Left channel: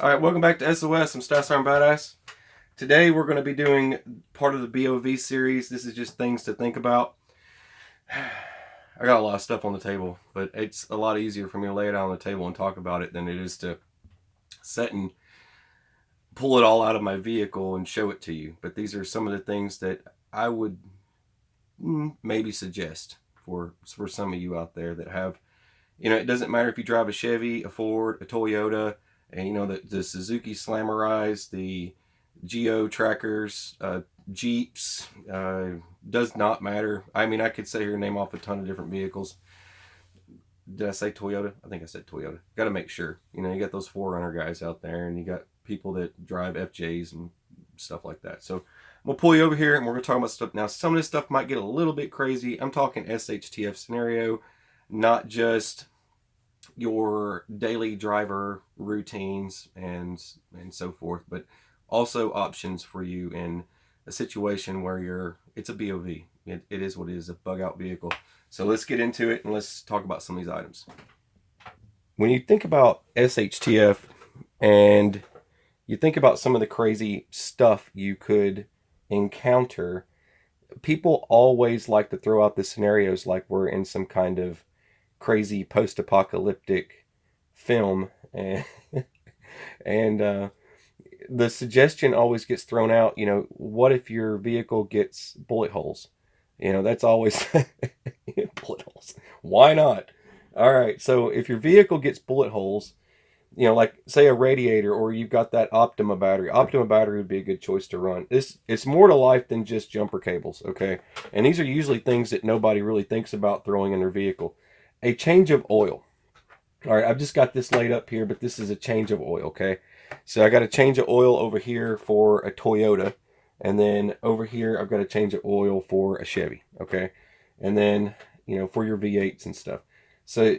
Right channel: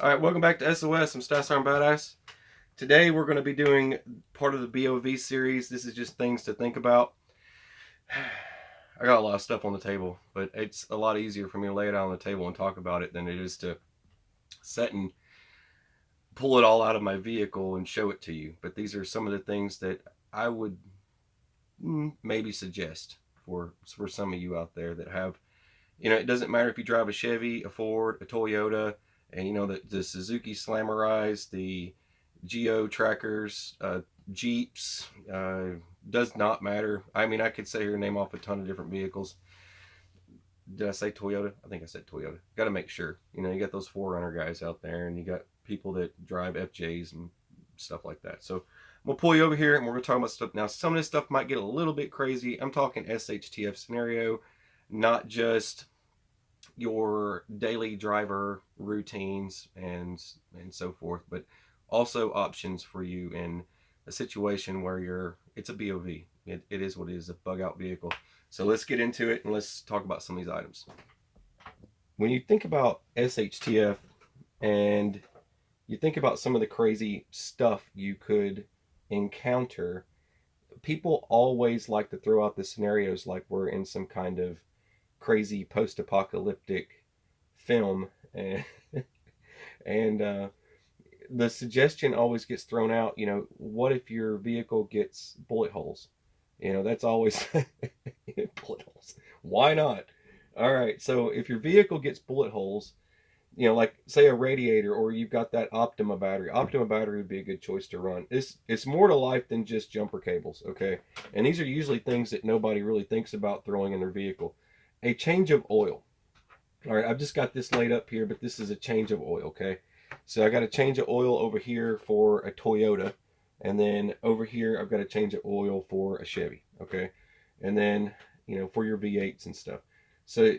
Alright, welcome back to SOS. I'm Stas Arm Badass. Today we're going to be doing part of the B.O.V series. This is just things to think about. I got a lot of stuff on the table, but it's a lot easier for me to lay it out on the table and talk about it than it is to sit and pull it all out of my vehicle and show it to you. But these are some of the things that I would maybe suggest for some of you out there that have, it doesn't matter if you drive a Chevy, a Ford, a Toyota, and the Suzuki Slammerize, the Geo trackers, Jeeps, does not matter. I mean, I could sit here and name off a ton of different vehicles. Did I say Toyota? I think I said Toyota. Got to make sure. You got those 4Runner guys out there, and you got people that drive FJs and stuff like that. So I'm going to pull you over here, and we're going to talk about stuff. Now, some of this stuff might get a little bit crazy. I'm talking SHTF scenario, not just your daily driver routines and so forth, but also options for you in a situation where it's a B.O.V. It is what it is, a bug out vehicle. So let's get into it and let's talk about some of these items. When you think about SHTF and you think about some of the crazy stuff you could encounter, people always like to throw out the scenarios like we're in some kind of crazy post-apocalyptic film, and the suggestion always gets thrown out, what if your vehicle gets bullet holes? That's always bullet holes. Why not? All right, so if your vehicle gets bullet holes, like say a radiator, or you've got that Optima battery. Optima battery would be a good choice to run. It's more to life than just jumper cables, okay? And these are usually things that nobody really thinks about throwing in their vehicle. A change of oil. All right, I've just got this laid up here, but this is a change of oil, okay? So I got a change of oil over here for a Toyota, and then over here I've got a change of oil for a Chevy, okay? And then, for your V8s and stuff. So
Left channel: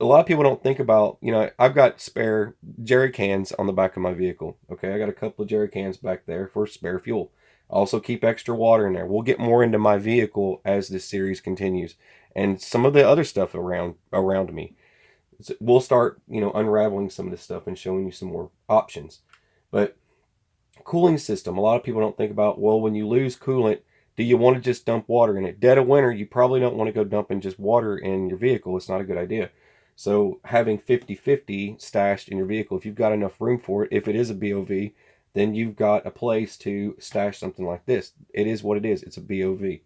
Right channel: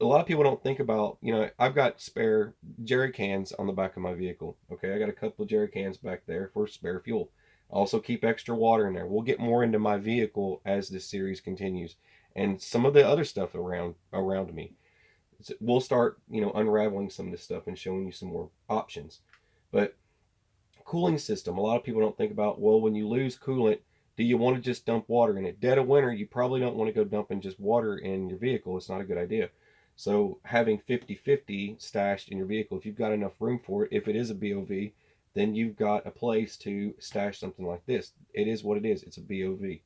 a lot of people don't think about, I've got spare jerry cans on the back of my vehicle, okay? I got a couple of jerry cans back there for spare fuel. I also keep extra water in there. We'll get more into my vehicle as this series continues, and some of the other stuff around me. So we'll start, unraveling some of this stuff and showing you some more options. But cooling system, a lot of people don't think about, well, when you lose coolant, do you want to just dump water in it? Dead of winter, you probably don't want to go dumping just water in your vehicle. It's not a good idea. So having 50-50 stashed in your vehicle, if you've got enough room for it, if it is a B.O.V, then you've got a place to stash something like this. It is what it is. It's a B.O.V.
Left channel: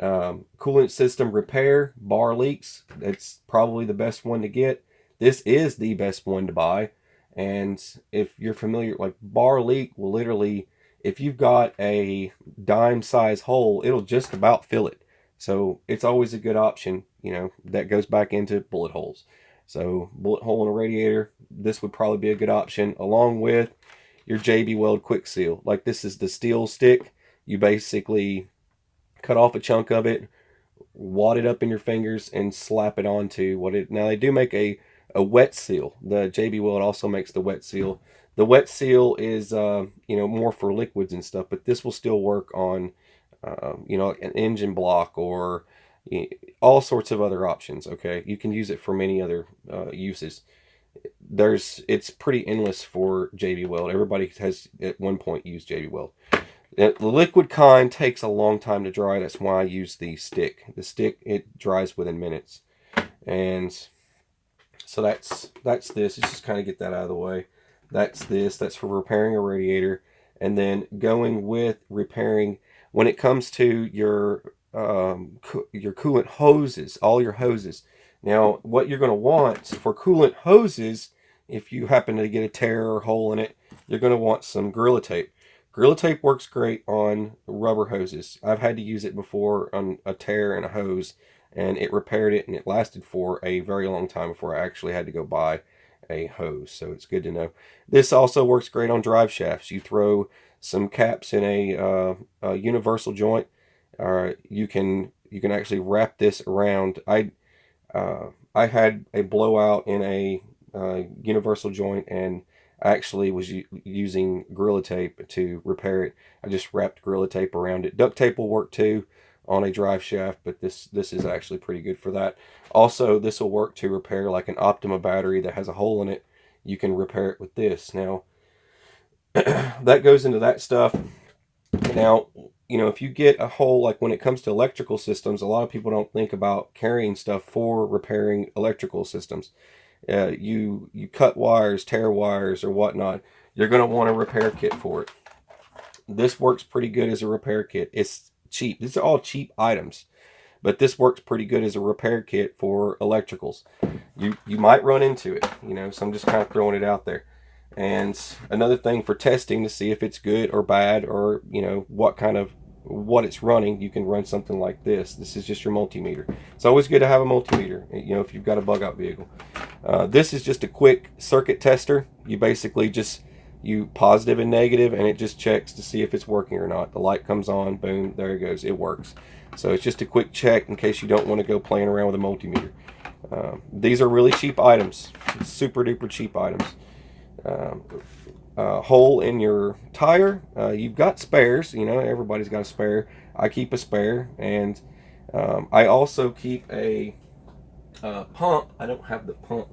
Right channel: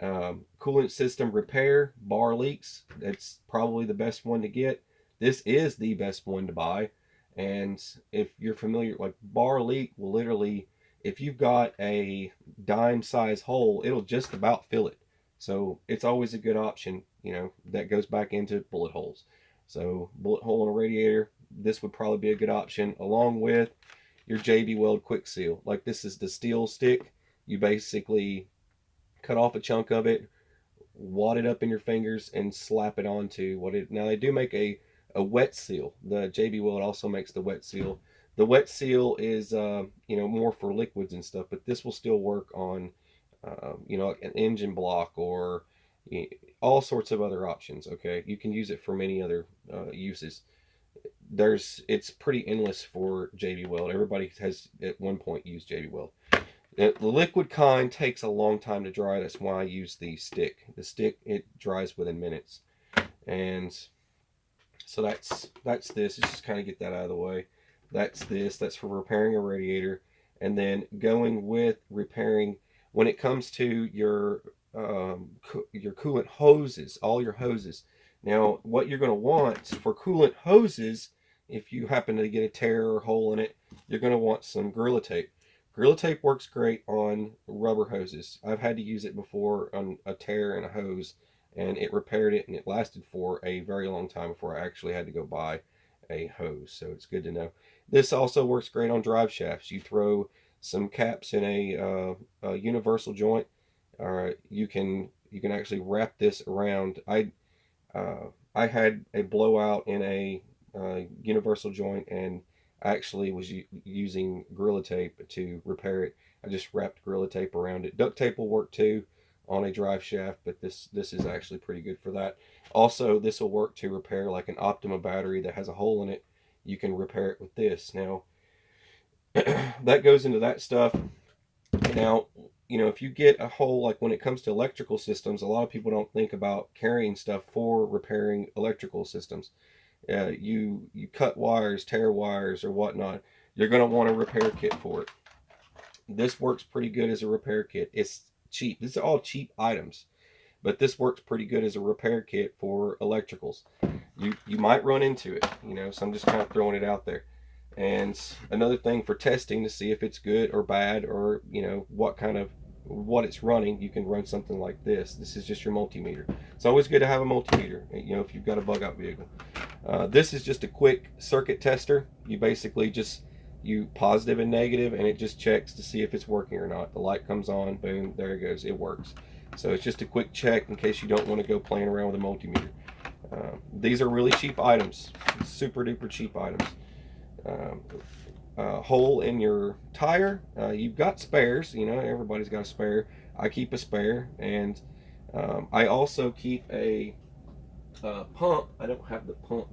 Coolant system repair, bar leaks. That's probably the best one to get. This is the best one to buy. And if you're familiar, like bar leak will literally, if you've got a dime size hole, it'll just about fill it. So it's always a good option, that goes back into bullet holes. So bullet hole in a radiator, this would probably be a good option, along with your JB Weld quick seal. Like this is the steel stick. You basically cut off a chunk of it, wad it up in your fingers, and slap it onto what it. Now they do make a wet seal. The JB Weld also makes the wet seal. The wet seal is more for liquids and stuff, but this will still work on an engine block or all sorts of other options. Okay, you can use it for many other uses. It's pretty endless for JB Weld. Everybody has at one point used JB Weld. The liquid kind takes a long time to dry. That's why I use the stick. The stick, it dries within minutes. And so that's this. Let's just kind of get that out of the way. That's this. That's for repairing a radiator. And then going with repairing, when it comes to your coolant hoses, all your hoses. Now, what you're going to want for coolant hoses, if you happen to get a tear or hole in it, you're going to want some Gorilla Tape. Gorilla Tape works great on rubber hoses. I've had to use it before on a tear in a hose, and it repaired it, and it lasted for a very long time before I actually had to go buy a hose. So it's good to know. This also works great on drive shafts. You throw some caps in a universal joint. You can actually wrap this around. I had a blowout in a universal joint, and I actually was using Gorilla Tape to repair it. I just wrapped Gorilla Tape around it. Duct tape will work too on a drive shaft, but this is actually pretty good for that. Also, this will work to repair like an Optima battery that has a hole in it. you can repair it with this. Now, that goes into that stuff. Now, if you get a hole, like when it comes to electrical systems, a lot of people don't think about carrying stuff for repairing electrical systems. You cut wires, tear wires, or whatnot. You're going to want a repair kit for it. This works pretty good as a repair kit. It's cheap. These are all cheap items, but this works pretty good as a repair kit for electricals. You might run into it, so I'm just kind of throwing it out there. And another thing for testing to see if it's good or bad, or what it's running, you can run something like this. This is just your multimeter. It's always good to have a multimeter, if you've got a bug out vehicle. This is just a quick circuit tester. You basically just positive and negative, and it just checks to see if it's working or not. The light comes on, boom, there it goes, it works. So it's just a quick check in case you don't want to go playing around with a multimeter. These are really cheap items, super duper cheap items. Hole in your tire, you've got spares, everybody's got a spare. I keep a spare, and I also keep a pump. I don't have the pump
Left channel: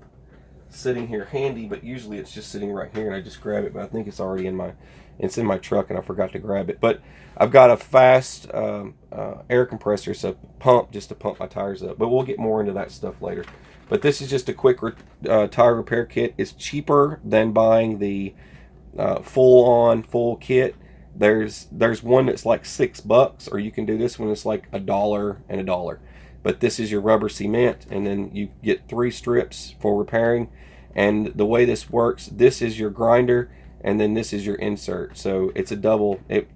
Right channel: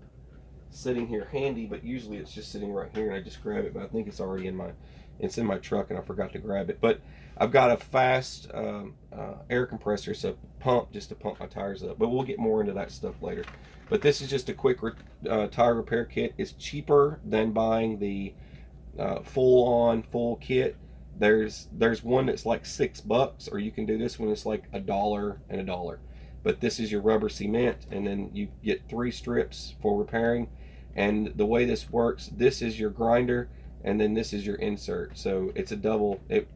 sitting here handy, but usually it's just sitting right here and I just grab it, but I think it's already in my truck and I forgot to grab it. But I've got a fast air compressor, so pump just to pump my tires up, but we'll get more into that stuff later. But this is just a quick tire repair kit. It's cheaper than buying the full kit. There's one that's like $6, or you can do this one that's like $1 and $1. But this is your rubber cement, and then you get 3 strips for repairing. And the way this works, this is your grinder, and then this is your insert. So it's a double. It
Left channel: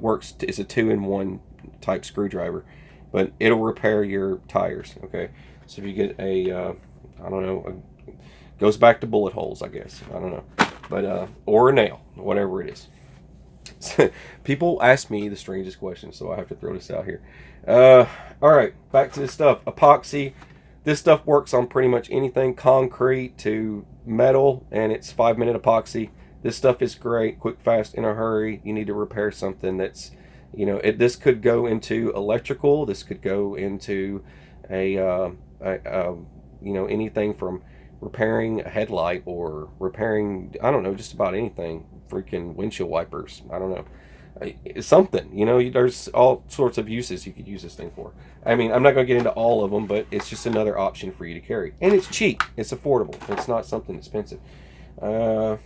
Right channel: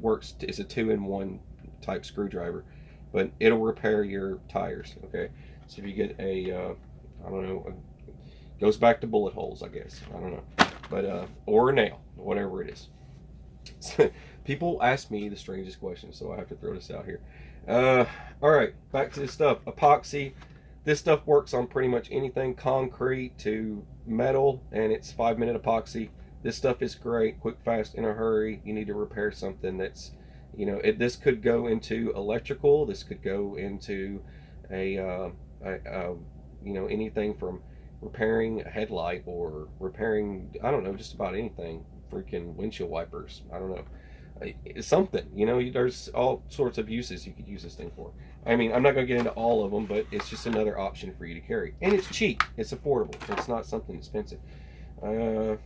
works. It's a 2-in-1 type screwdriver, but it'll repair your tires. Okay. So if you get a, I don't know, goes back to bullet holes, I guess. I don't know, but or a nail, whatever it is. People ask me the strangest questions, so I have to throw this out here. All right, back to this stuff. Epoxy. This stuff works on pretty much anything, concrete to metal, and it's 5-minute epoxy. This stuff is great, quick, fast, in a hurry. You need to repair something that's, this could go into electrical. This could go into anything from repairing a headlight or repairing, I don't know, just about anything. Freaking windshield wipers. I don't know. It's something, there's all sorts of uses you could use this thing for. I mean, I'm not going to get into all of them, but it's just another option for you to carry. And it's cheap. It's affordable. It's not something expensive.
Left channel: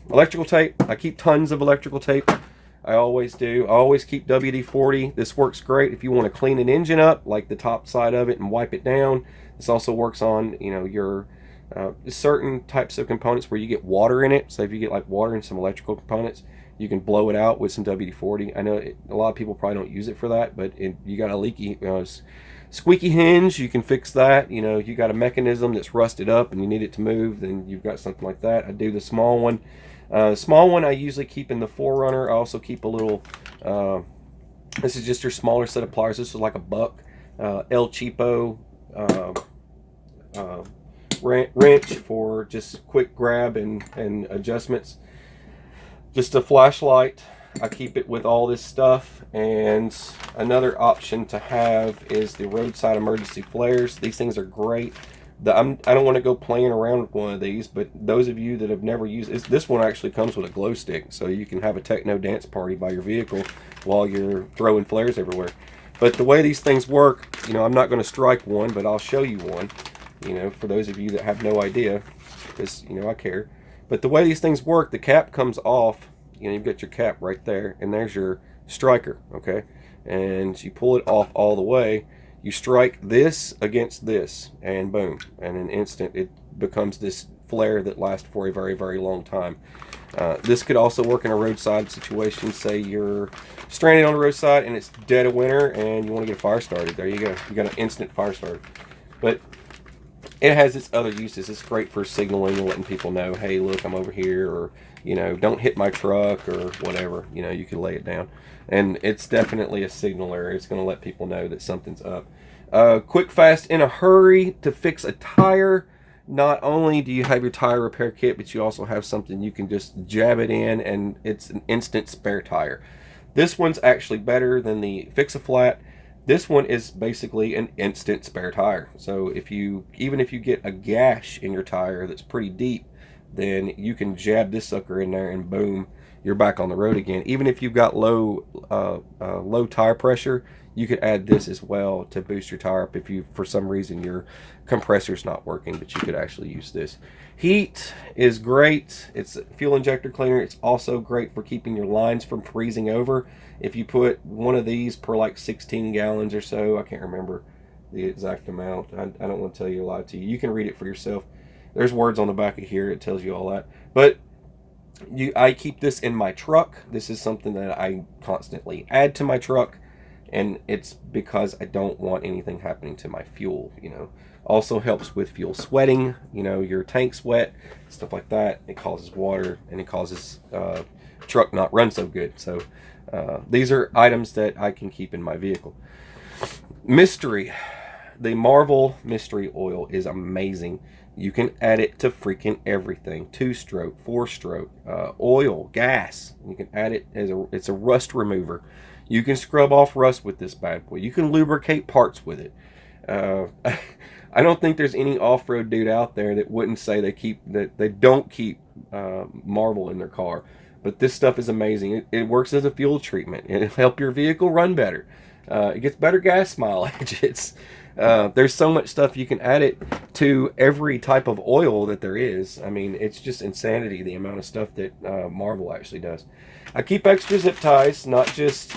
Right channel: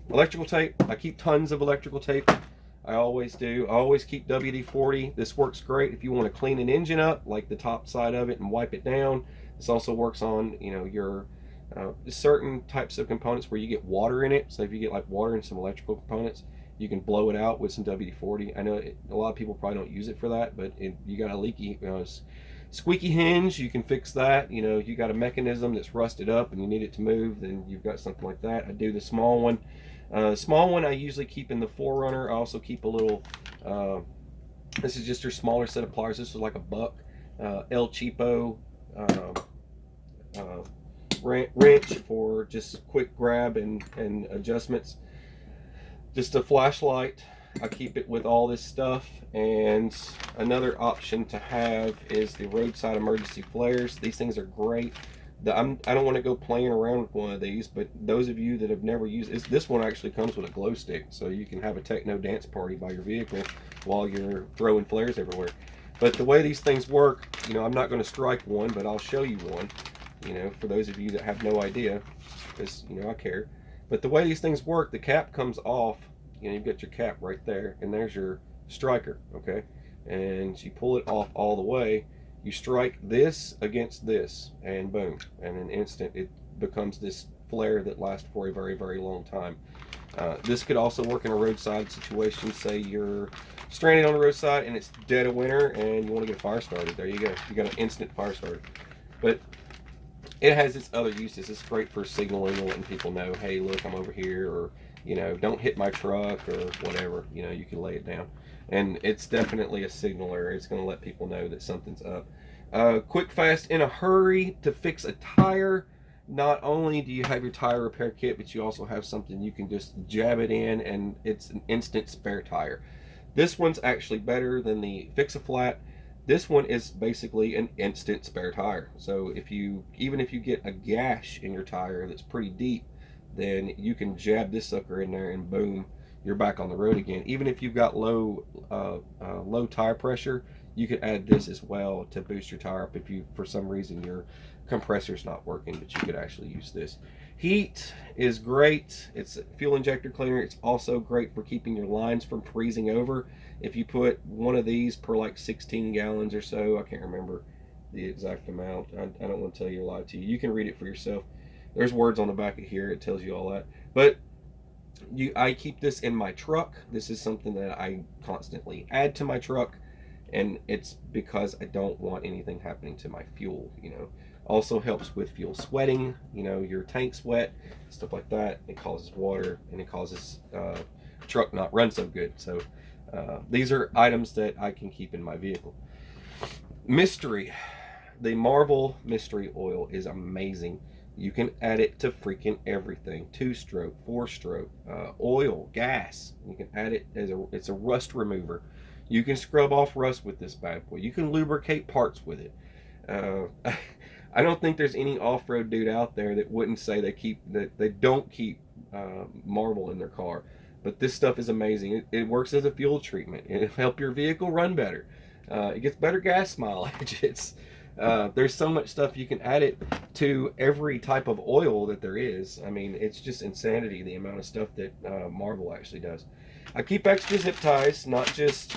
Electrical tape. I keep tons of electrical tape. I always do. I always keep WD-40. This works great if you want to clean an engine up, like the top side of it, and wipe it down. This also works on, your certain types of components where you get water in it. So if you get like water in some electrical components, you can blow it out with some WD-40. I know a lot of people probably don't use it for that, but you got a leaky, squeaky hinge, you can fix that. You got a mechanism that's rusted up and you need it to move, then you've got something like that. I do the small one. Small one I usually keep in the Forerunner. I also keep a little, this is just your smaller set of pliers. This is like a buck, El Cheapo wrench for just quick grab and adjustments. Just a flashlight. I keep it with all this stuff. And another option to have is the roadside emergency flares. These things are great. I don't want to go playing around with one of these, but those of you that have never used it, this one actually comes with a glow stick, so you can have a techno dance party by your vehicle while you're throwing flares everywhere. But the way these things work, I'm not going to strike one, but I'll show you one, for those of you that have no idea, because, I care. But the way these things work, the cap comes off, you've got your cap right there, and there's your striker, okay? And you pull it off all the way, you strike this against this, and boom, and in an instant it becomes this flare that lasts for a very, very long time. This could also work in a roadside situation. Say you're stranded on the roadside and it's dead of winter and you want to get a fire started. There you go. You got an instant fire starter. But it has its other uses. It's great for signaling and letting people know, hey, look, I'm over here, or, don't hit my truck, or whatever. You can lay it down. And it's definitely a signaler. It's going to let people know that something's up. Quick, fast, in a hurry to fix a tire. Not only do you have your tire repair kit, but you also have something you can just jab it in, and it's an instant spare tire. This one's actually better than the Fix-A-Flat. This one is basically an instant spare tire. So even if you get a gash in your tire that's pretty deep, then you can jab this sucker in there and boom, you're back on the road again. Even if you've got low tire pressure, you could add this as well to boost your tire up if you, for some reason, your compressor's not working, but you could actually use this. Heat is great. It's a fuel injector cleaner. It's also great for keeping your lines from freezing over. If you put one of these per like 16 gallons or so, I can't remember the exact amount. I don't want to tell you a lie to you. You can read it for yourself. There's words on the back of here. It tells you all that. But I keep this in my truck. This is something that I constantly add to my truck, and it's because I don't want anything happening to my fuel. Also helps with fuel sweating. Your tank sweat, stuff like that. It causes water, and it causes truck not run so good. So these are items that I can keep in my vehicle. Mystery. The Marvel Mystery Oil is amazing. You can add it to freaking everything. 2-stroke, 4-stroke, oil, gas. You can add it as it's a rust remover. You can scrub off rust with this bad boy. You can lubricate parts with it. I don't think there's any off-road dude out there that wouldn't say they don't keep Marvel in their car. But this stuff is amazing. It works as a fuel treatment. It'll help your vehicle run better. It gets better gas mileage. There's so much stuff you can add it to every type of oil that there is. I mean, it's just insanity the amount of stuff that Marvel actually does. I keep extra zip ties, not just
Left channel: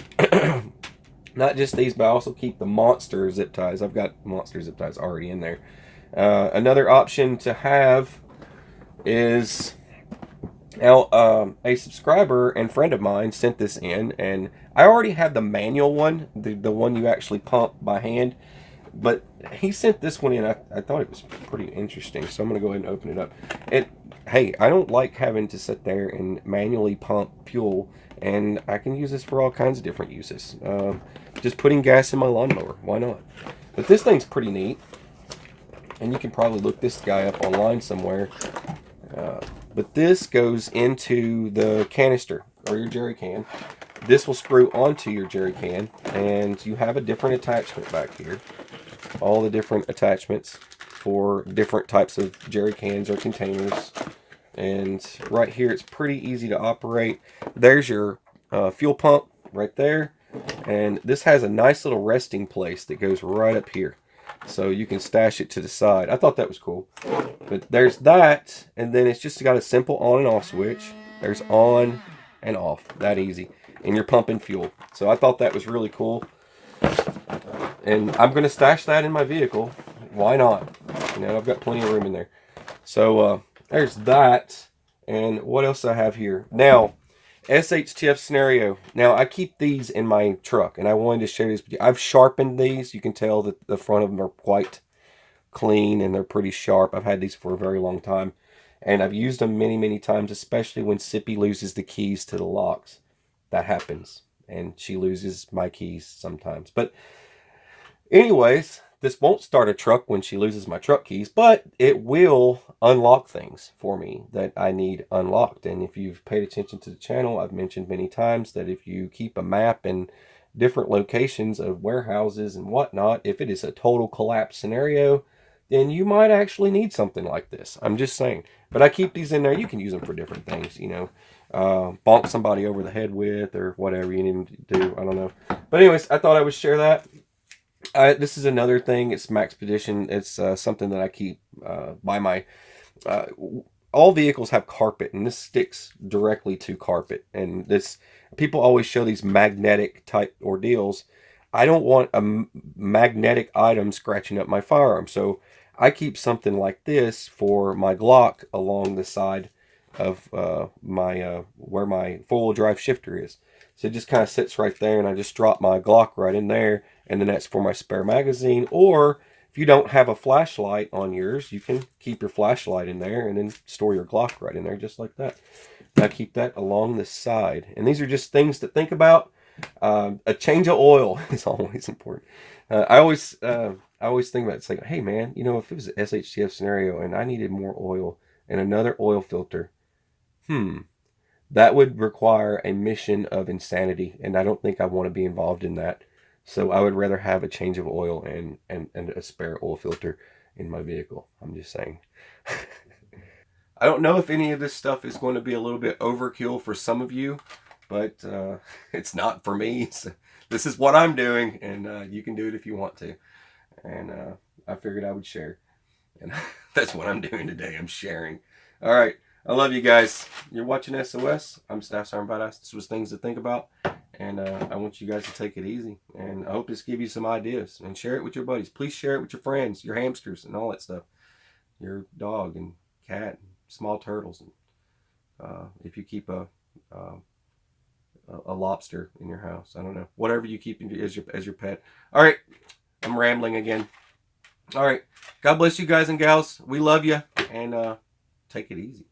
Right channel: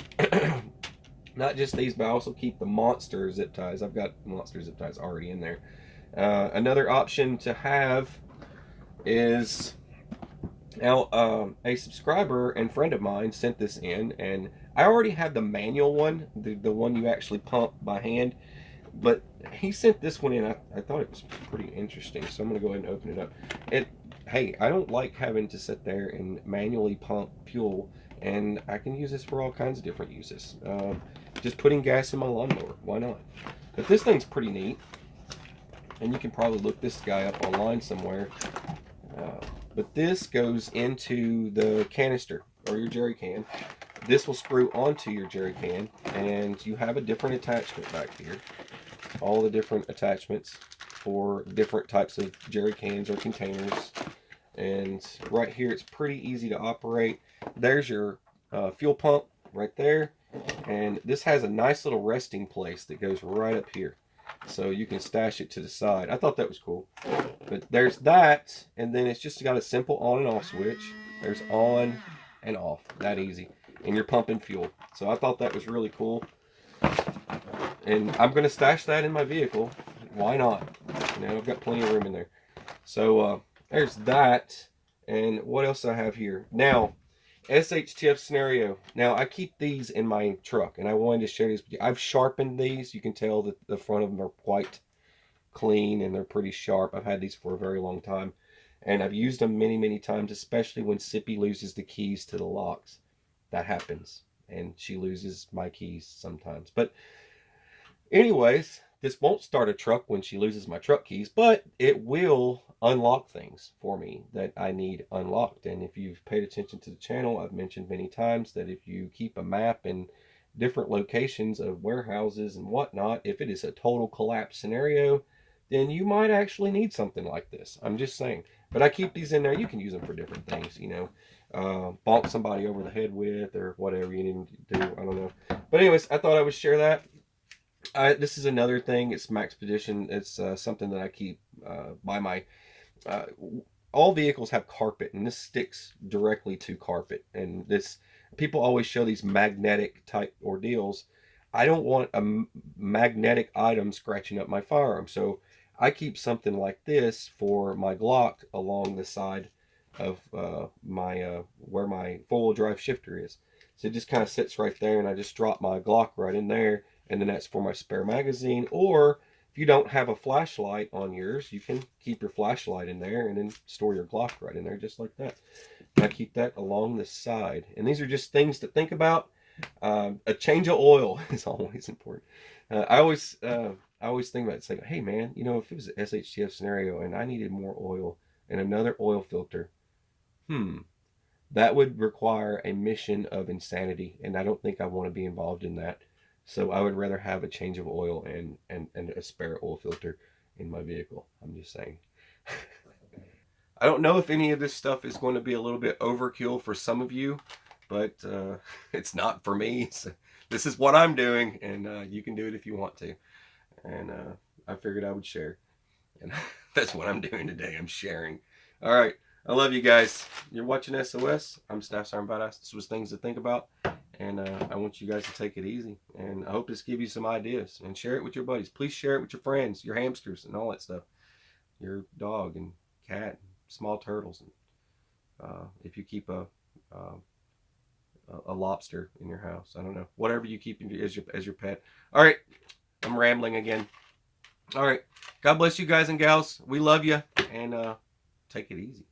these, but I also keep the monster zip ties. I've got monster zip ties already in there. Another option to have is a subscriber and friend of mine sent this in, and I already have the manual one, the one you actually pump by hand. But he sent this one in. I thought it was pretty interesting, so I'm going to go ahead and open it up. Hey, I don't like having to sit there and manually pump fuel, and I can use this for all kinds of different uses. Just putting gas in my lawnmower, why not? But this thing's pretty neat, and you can probably look this guy up online somewhere. But this goes into the canister, or your jerry can. This will screw onto your jerry can, and you have a different attachment back here. All the different attachments for different types of jerry cans or containers. And right here, it's pretty easy to operate. There's your fuel pump right there. And this has a nice little resting place that goes right up here. So you can stash it to the side. I thought that was cool. But there's that. And then it's just got a simple on and off switch. There's on and off. That easy. And you're pumping fuel. So I thought that was really cool. And I'm going to stash that in my vehicle. Why not? I've got plenty of room in there. So there's that. And what else do I have here? Now, SHTF scenario. Now, I keep these in my truck, and I wanted to share these with you. I've sharpened these. You can tell that the front of them are quite clean, and they're pretty sharp. I've had these for a very long time. And I've used them many, many times, especially when Sippy loses the keys to the locks. That happens. And she loses my keys sometimes. But anyways, this won't start a truck when she loses my truck keys, but it will unlock things for me that I need unlocked. And if you've paid attention to the channel, I've mentioned many times that if you keep a map in different locations of warehouses and whatnot, if it is a total collapse scenario, then you might actually need something like this. I'm just saying. But I keep these in there. You can use them for different things, bonk somebody over the head with, or whatever you need to do. I don't know. But anyways, I thought I would share that. This is another thing. It's Maxpedition. It's something that I keep by my... all vehicles have carpet, and this sticks directly to carpet. And this, people always show these magnetic type ordeals. I don't want a magnetic item scratching up my firearm. So I keep something like this for my Glock along the side of my where my four-wheel drive shifter is. So it just kind of sits right there, and I just drop my Glock right in there, and then that's for my spare magazine. Or if you don't have a flashlight on yours, you can keep your flashlight in there and then store your Glock right in there, just like that. I keep that along the side. And these are just things to think about. A change of oil is always important. I always think about it. It's like, hey man, if it was an SHTF scenario and I needed more oil and another oil filter, that would require a mission of insanity, and I don't think I want to be involved in that. So I would rather have a change of oil and a spare oil filter in my vehicle. I'm just saying. I don't know if any of this stuff is going to be a little bit overkill for some of you, but it's not for me. So this is what I'm doing, and you can do it if you want to. And I figured I would share. And that's what I'm doing today. I'm sharing. All right. I love you guys. You're watching SOS. I'm Staff Sergeant Badass. This was things to think about. And I want you guys to take it easy. And I hope this gives you some ideas. And share it with your buddies. Please share it with your friends, your hamsters, and all that stuff. Your dog and cat, and small turtles. And if you keep a lobster in your house, I don't know. Whatever you keep as your pet. All right. I'm rambling again. All right. God bless you guys and gals. We love you. And take it easy.